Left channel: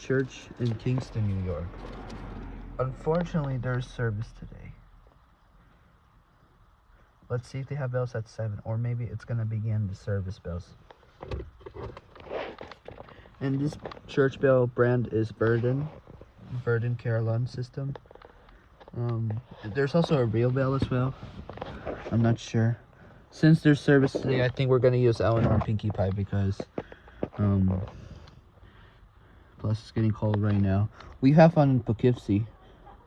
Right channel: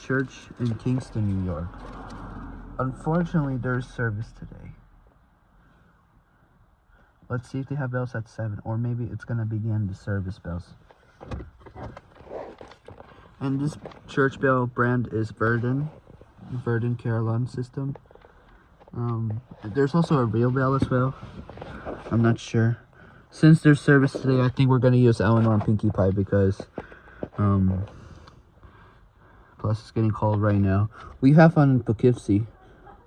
church in Kingston, New York. Unfortunately, there's service today. Let's see if they have bells at 7, or maybe it's gonna begin the service bells. And this church bell brand is Verdun Carillon system. There's also a real bell as well. I'm not sure. Since there's service today, I think we're gonna use Elinor and Pinkie Pie because plus it's getting cold right now. We have fun in Poughkeepsie.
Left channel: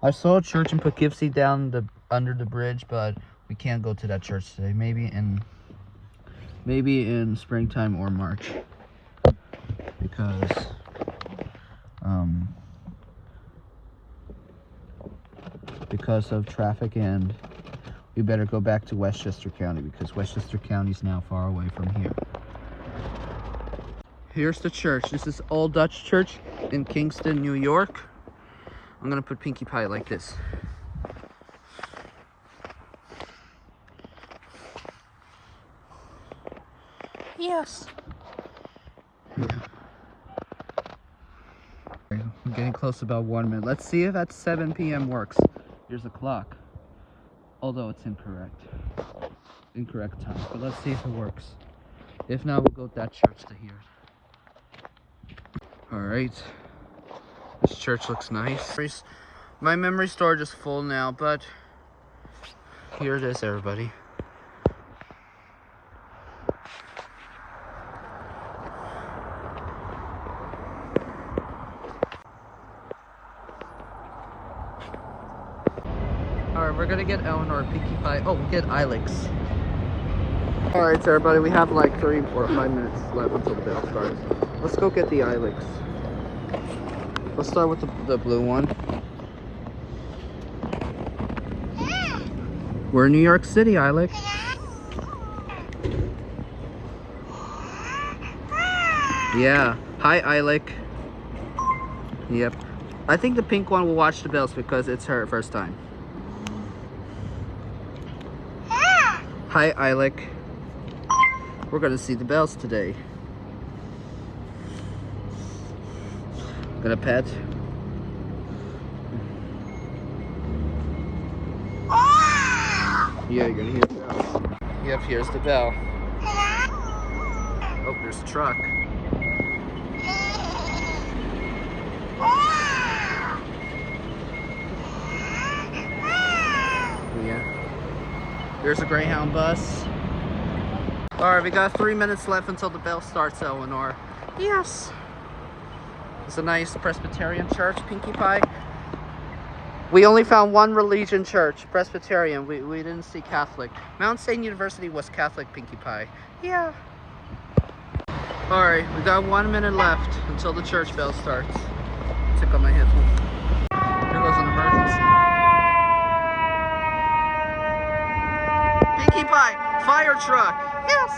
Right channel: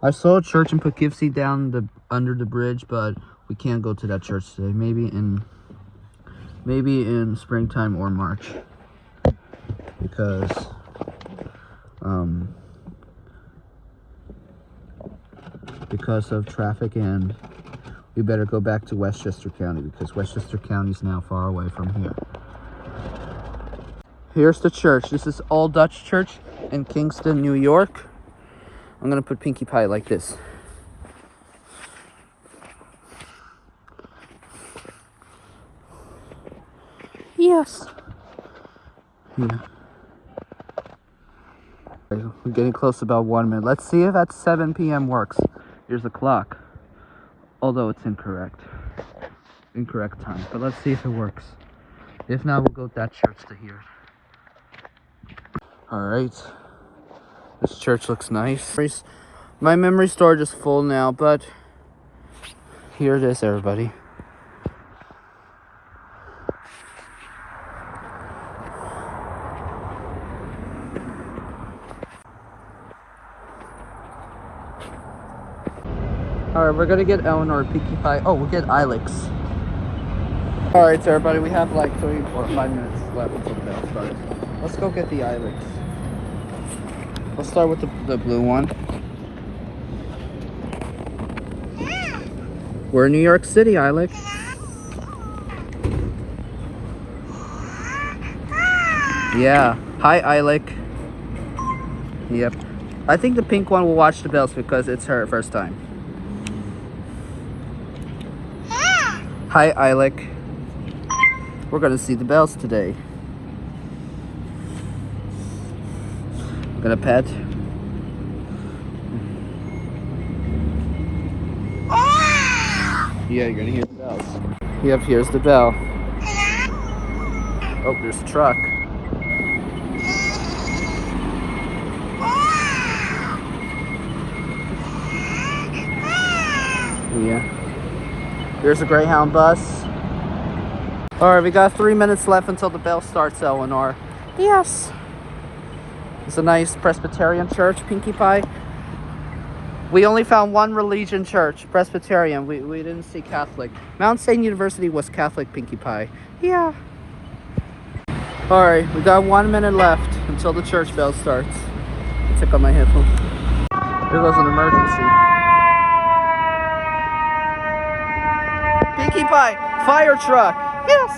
I saw a church in Poughkeepsie down under the bridge, but we can't go to that church today. Maybe in springtime or March, because of traffic, and we better go back to Westchester County because Westchester County is now far away from here. Here's the church. This is All Dutch Church in Kingston, New York. I'm gonna put Pinkie Pie like this. Yes. Yeah. We're getting close to about 1 minute. Let's see if at 7 p.m. works. Here's the clock. Although it's incorrect time. But let's see if it works. If not, we'll go to that church to hear it. Alright. This church looks nice. My memory storage is full now, but here it is, everybody. Alright, we're gonna get Elinor, Pinkie Pie. Oh, we'll get Ilex. Alright, so everybody, we have like 3 or 5 minutes left until the bell starts. Let's go get the Ilex. Let's start with the blue one. We're in New York City, Ilex. Yeah. Hi, Ilex. Yep. I think the pink one will watch the bells because it's her first time. Hi, Ilex. We're gonna see the bells today. Gonna pet. Yeah, you're gonna hear the bells. Yep, here's the bell. Oh, there's a truck. Yeah. There's a Greyhound bus. Alright, we got 3 minutes left until the bell starts, Elinor. Yes. It's a nice Presbyterian church, Pinkie Pie. We only found one religion church, Presbyterian. We didn't see Catholic. Mount St. University was Catholic, Pinkie Pie. Yeah. Alright, we got 1 minute left until the church bell starts. Take off my headphones. Here goes an emergency. Pinkie Pie, fire truck. Yes.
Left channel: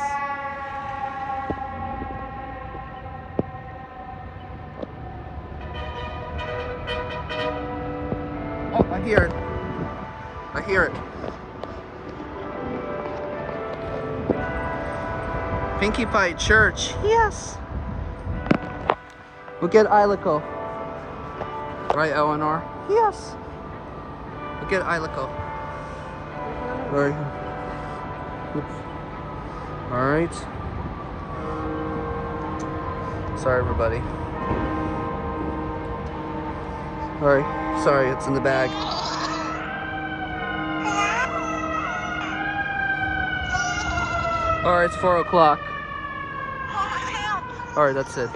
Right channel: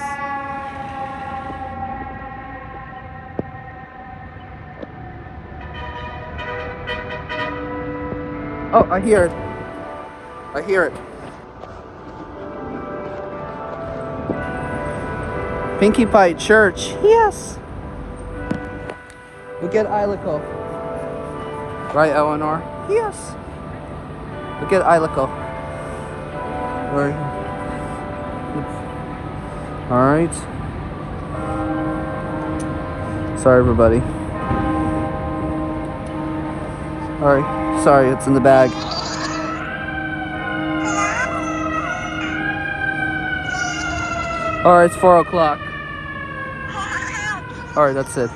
Oh, I hear it. I hear it. Pinkie Pie church. Yes. We'll get Ilico. Right, Elinor? Yes. We'll get Ilico. Right. Alright. Sorry, everybody. Alright. Sorry, it's in the bag. Alright, it's 4 o'clock. Alright, that's it.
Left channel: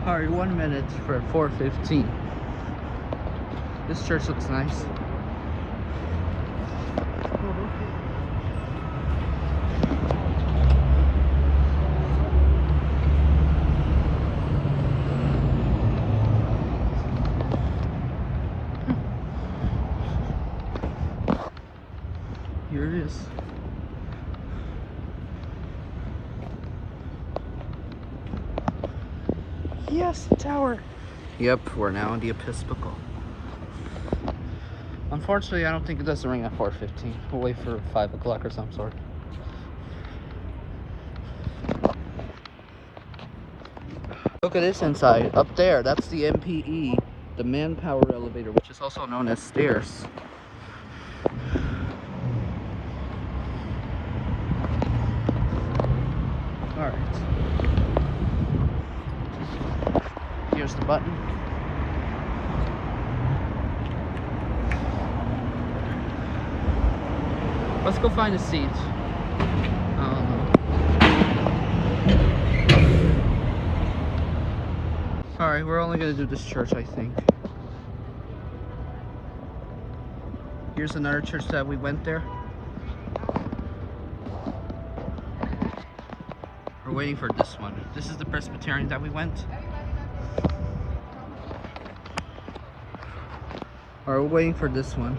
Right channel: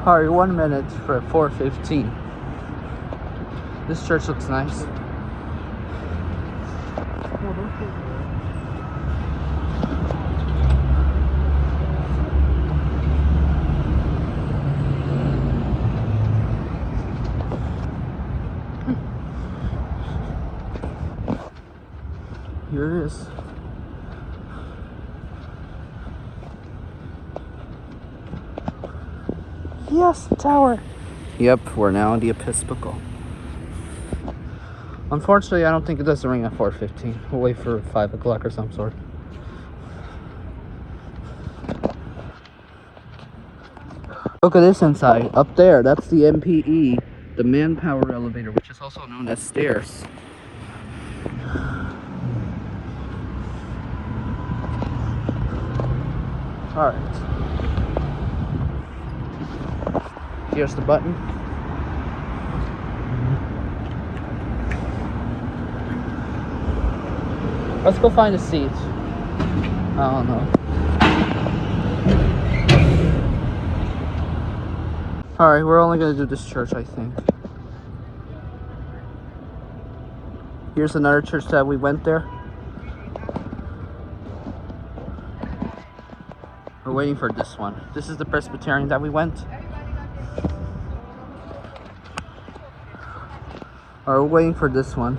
Alright, 1 minute for 4:15. This church looks nice. Here it is. Yes, the tower. Yep, we're now in the Episcopal. Unfortunately, I don't think it does ring at 4:15. We'll wait for 5 o'clock or some sort. Look at this inside. Up there, that's the MPE, the manpower elevator, which is also known as stairs. Alright. Here's the button. Let's go find a seat. I don't know. Alright, we're only gonna do this church, I think. Here's another church that we went there. We're waiting for this one. This is the Presbyterian that we went. Alright, we're waiting for this one.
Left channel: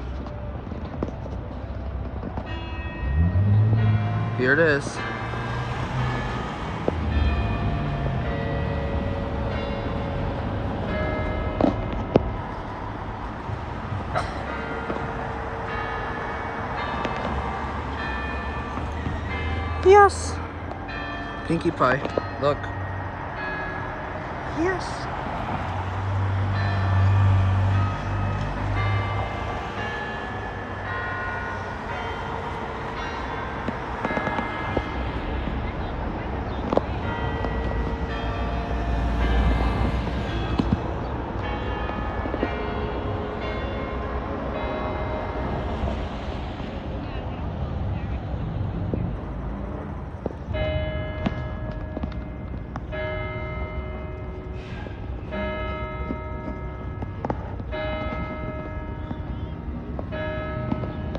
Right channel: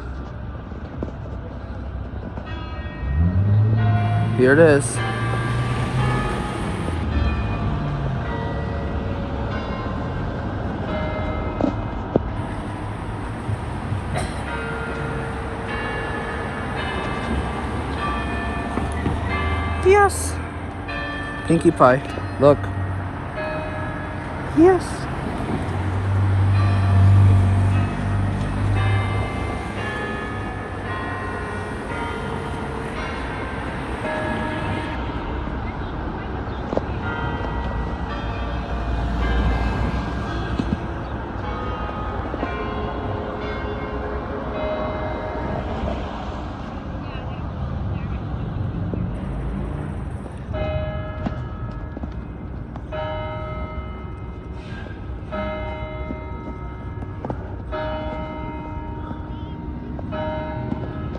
Here it is. Yes. Pinkie Pie, look. Yes.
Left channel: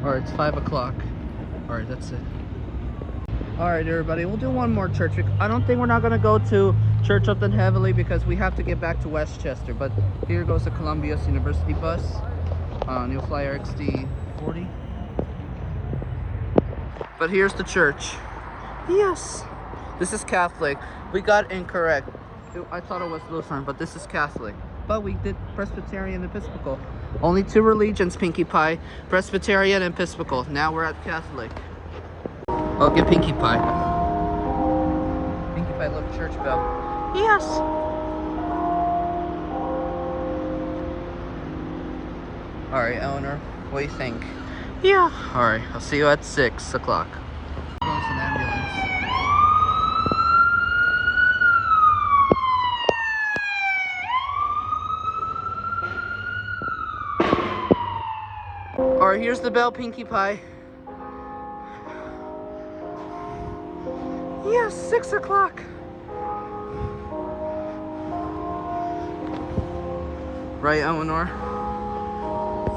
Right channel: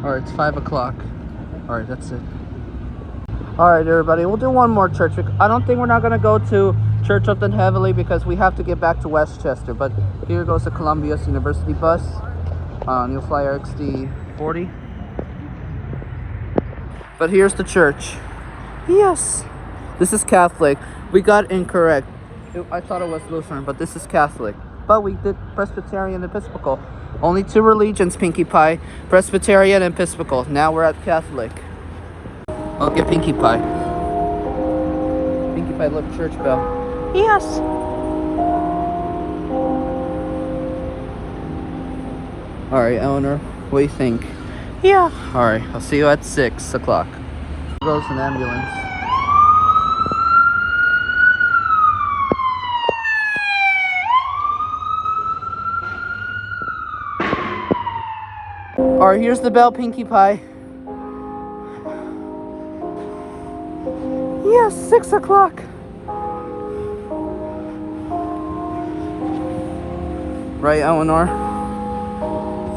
Alright, it's 5 o'clock. Alright, that's it. Alright, everybody, we'll do one more church. I don't think we're not going to go to Church Upton Heavily because we have to get back to Westchester. But here goes the Columbia University bus. New Flyer XD40. But here's the church. Yes. This is Catholic. We got incorrect. I thought it was Lutheran, but this is Catholic. But we did Presbyterian and Episcopal. Only two religions, Pinkie Pie. Presbyterian and Episcopal. Now we're at Catholic. I'll get Pinkie Pie. Pinkie Pie, look, church bell. Yes. Alright, Elinor, what do you think? Yeah. Alright, I'll see you at 6 o'clock. There goes an ambulance. Alright, here's the bell, Pinkie Pie. Yes, 6 o'clock. Right, Elinor?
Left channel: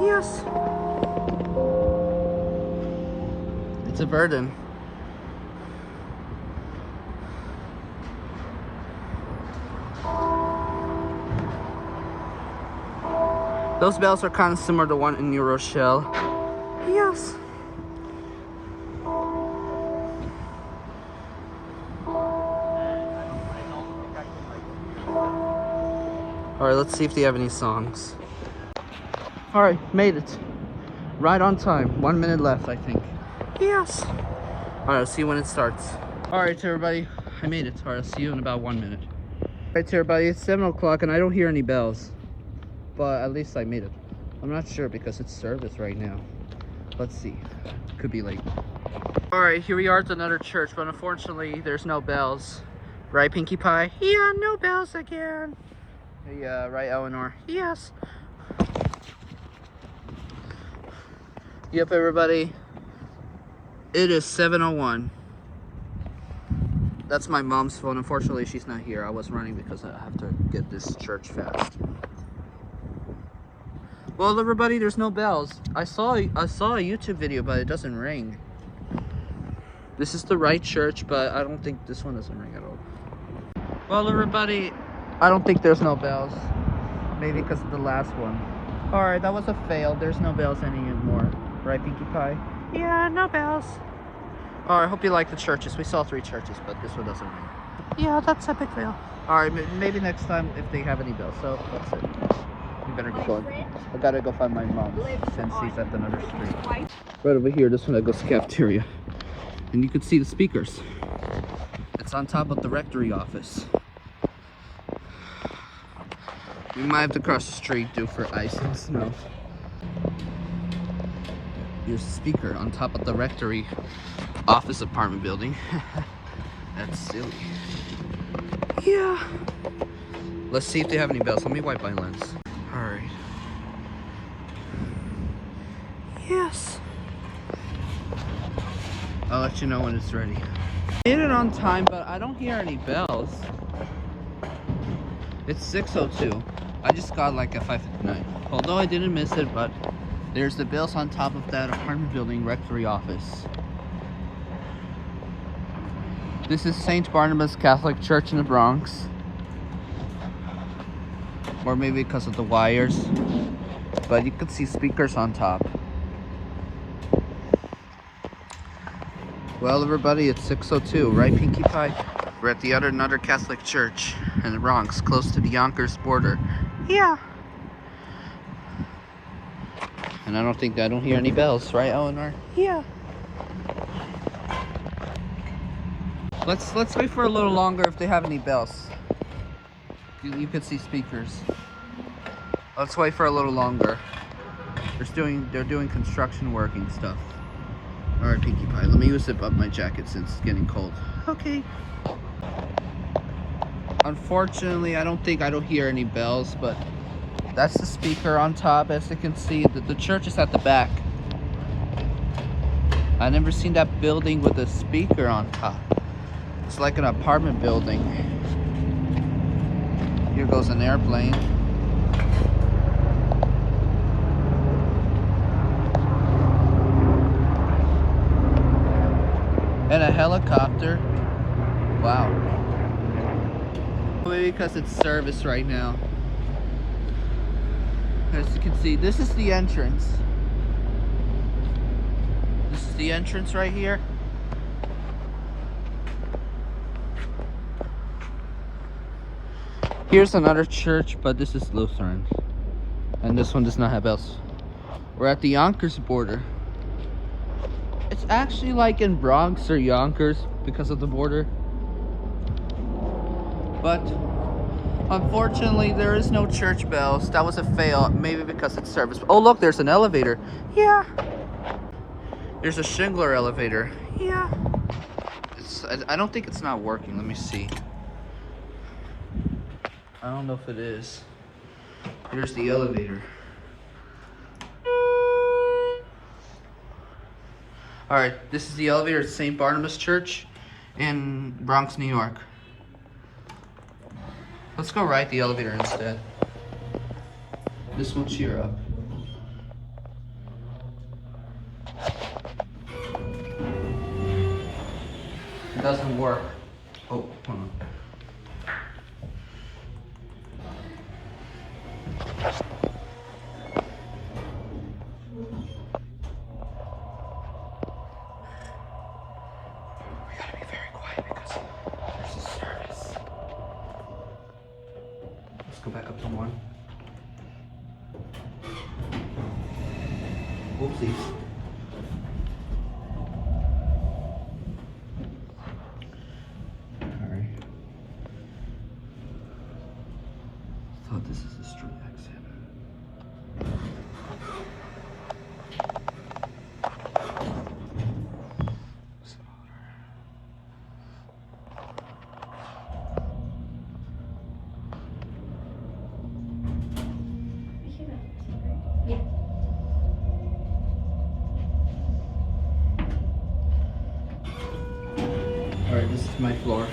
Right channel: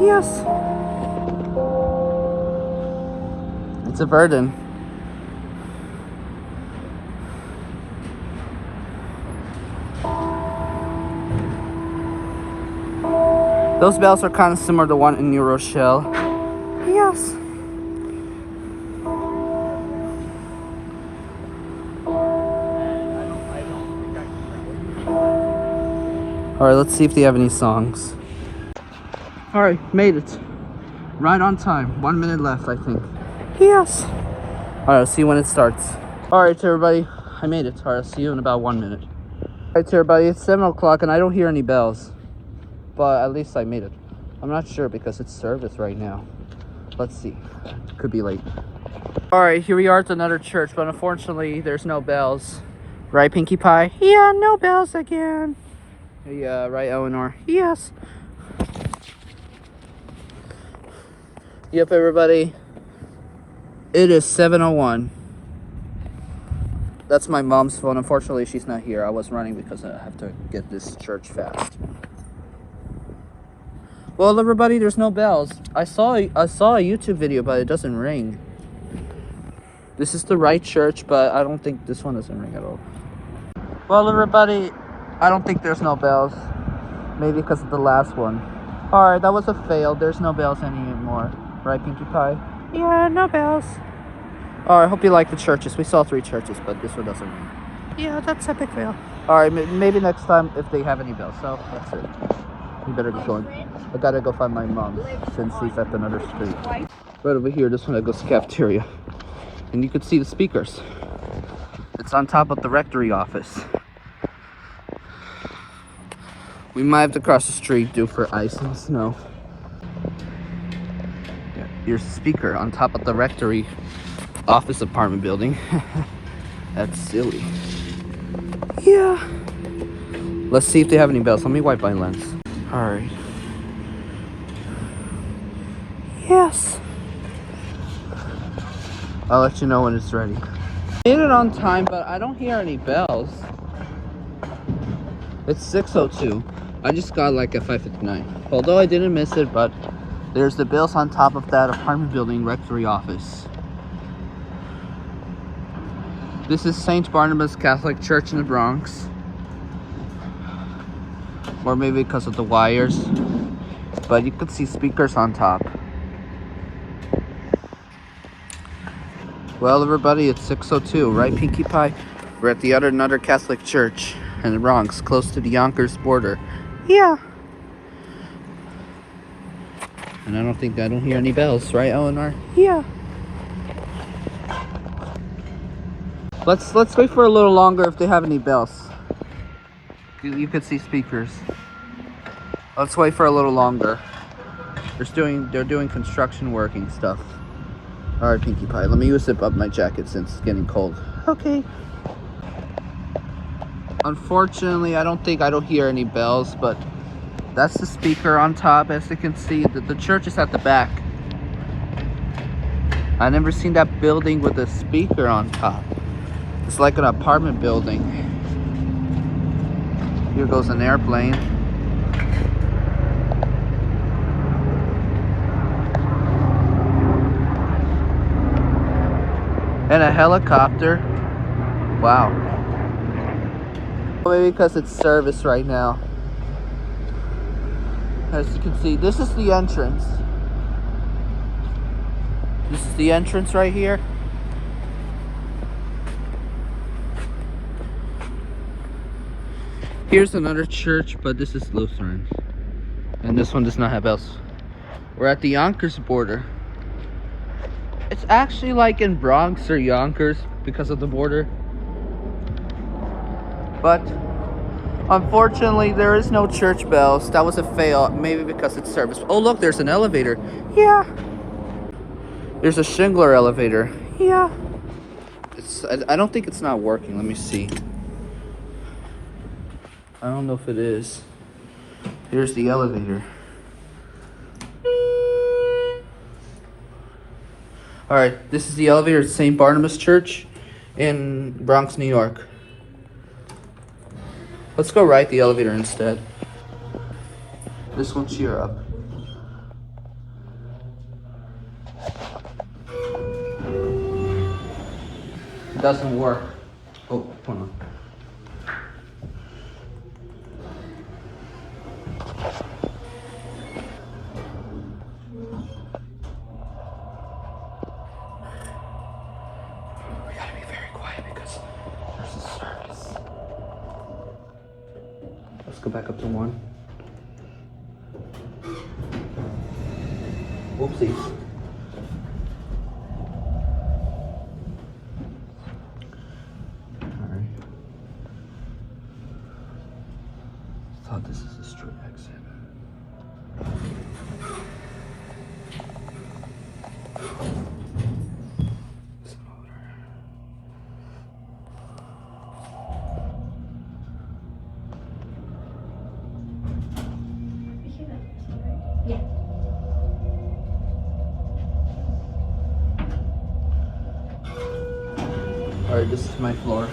Yes. It's a burden. Those bells are kind of similar to the one in New Rochelle. Yes. Alright, let's see if they have any songs. Alright, made it. Right on time. 1 minute left, I think. Yes. Alright, I'll see you when it starts. Alright, everybody. I made it. Alright, I'll see you in about 1 minute. Alright, everybody. It's 7 o'clock and I don't hear any bells. But at least I made it. I'm not sure because it's service right now. Let's see. Could be late. Alright, here we are at another church, but unfortunately there's no bells. Right, Pinkie Pie? Yeah, no bells again. Yeah, right, Elinor? Yes. Yep, everybody. It is 7:01. That's my mom's phone. Unfortunately, she's not here. I was running because I have to get this church fast. Well, everybody, there's no bells. I saw a YouTube video, but it doesn't ring. This is the right church, but I don't think this one doesn't ring at all. Well, everybody, I don't think there's no bells. Maybe because of the last one. Alright, that was a fail. There's no bells anymore. Right, Pinkie Pie? Yeah, no bells. Alright, hope you like the churches. We saw 3 churches, but this one doesn't ring. Yeah, that's a big fail. Alright, maybe next time if they have any bells. So, that's it. We better get going. I gotta go find my mom since she's at another street. Right over here, this one that goes to cafeteria. And you can see the speakers. It's on top of the rectory office. We might have to cross the street due for ice and snow. Your speaker on top of the rectory office apartment building. That's silly. Yeah. Let's see if they have any bells. Let me wipe my lens. Alright. Yes. I'll let you know when it's ready. Made it on time, but I don't hear any bells. It's 6:02. I just got like a 5:59. Although I didn't miss it, but there's the bells on top of that apartment building rectory office. This is St. Barnabas Catholic Church in the Bronx. Or maybe because of the wires. But you could see speakers on top. Well, everybody, it's 6:02, right, Pinkie Pie? We're at the another Catholic church in the Bronx, close to the Yonkers border. Yeah. And I don't hear any bells, right, Elinor? Yeah. Let's wait for a little longer if they have any bells. You could see speakers. Let's wait for a little longer. They're doing construction work and stuff. Alright, Pinkie Pie, let me zip up my jacket since it's getting cold. Okay. Unfortunately, I don't hear any bells, but that's the speaker on top. As you can see, the church is at the back. I never seen that building with a speaker on top. It's like an apartment building. Here goes an airplane. And a helicopter. Wow. Maybe because it's service right now. As you can see, this is the entrance. This is the entrance right here. Here's another church, but this is Lutheran. And this one does not have bells. We're at the Yonkers border. It's actually like in Bronx or Yonkers because of the border. But unfortunately, there is no church bells. That was a fail, maybe because it's service. Oh, look, there's an elevator. Yeah. There's a Schindler elevator. Yeah. I don't think it's not working. Let me see. I don't know if it is. Here's the elevator. Alright, this is the elevator at St. Barnabas Church in Bronx, New York. Let's go ride the elevator instead. This one cheer up. It doesn't work. Oh, hold on. We gotta be very quiet because there's a service. Let's go back up to 1. Whoopsies. This is a straight exit. Yeah. Alright, this is my floor.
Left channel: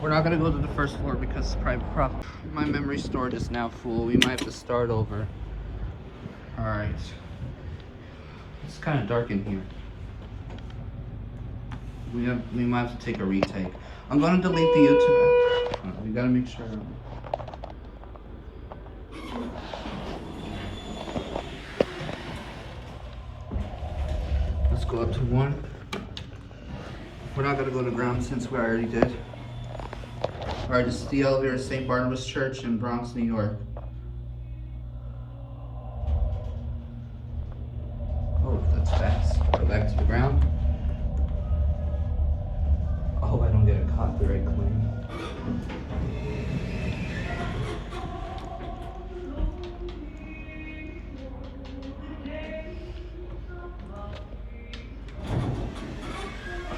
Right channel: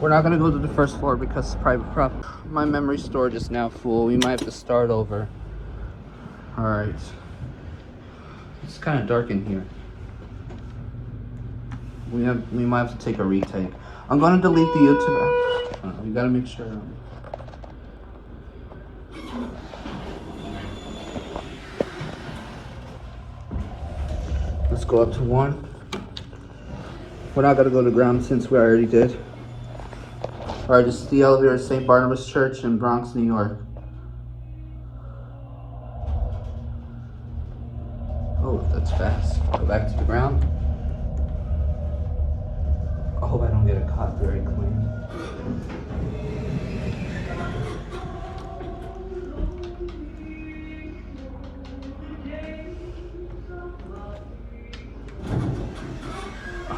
We're not gonna go to the first floor because it's private property. My memory storage is now full. We might have to start over. Alright. It's kind of dark in here. We might have to take a retake. I'm gonna delete the YouTube app. We gotta make sure. Let's go up to 1. We're not gonna go to ground since we already did. Alright, this is the elevator at St. Barnabas Church in Bronx, New York. Oh, that's fast. Go back to the ground. I hope I don't get a copyright claim.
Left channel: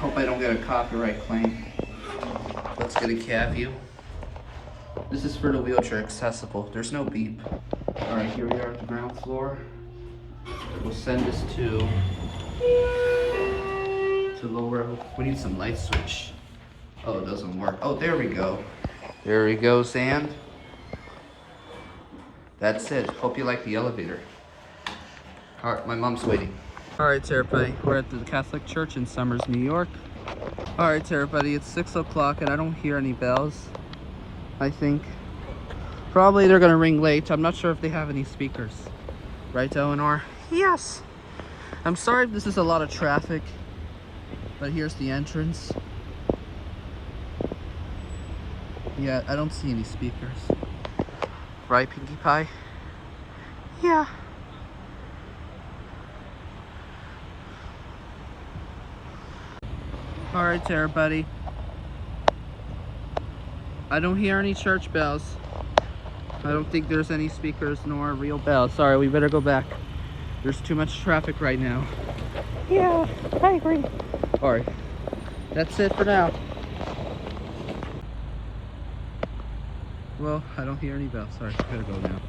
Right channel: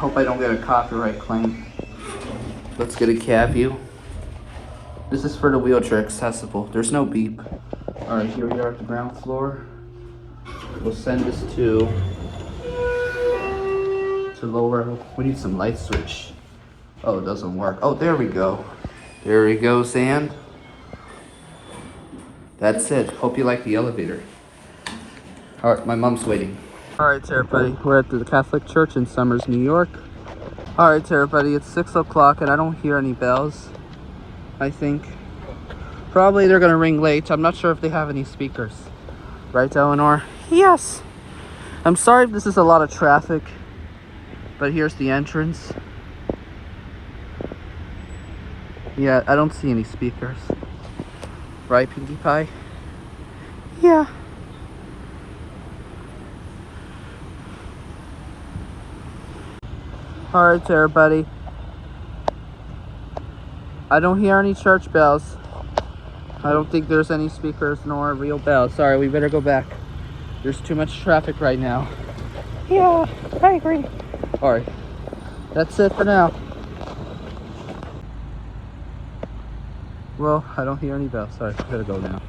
hope I don't get a copyright claim. Let's get a cab view. This is for the wheelchair accessible. There's no beep. Alright, here we are at the ground floor. We'll send this to lower. We need some light switch. Oh, it doesn't work. Oh, there we go. There we go, Sand. That's it. Hope you like the elevator. Alright, my mom's waiting. Alright, everybody. We're at the Catholic Church in Somers, New York. Alright, everybody. It's 6 o'clock and I don't hear any bells. I think. Probably they're gonna ring late. I'm not sure if they have any speakers. Right, Elinor? Yes. I'm sorry if this is a lot of traffic, but here's the entrance. Yeah, I don't see any speakers. Right, Pinkie Pie? Yeah. Alright, everybody. I don't hear any church bells. I don't think there's any speakers nor real bells. Sorry, we better go back. There's too much traffic right now. Yeah, I agree. Alright, that's it for now. Well, I don't hear any bells. Sorry, I gotta go now.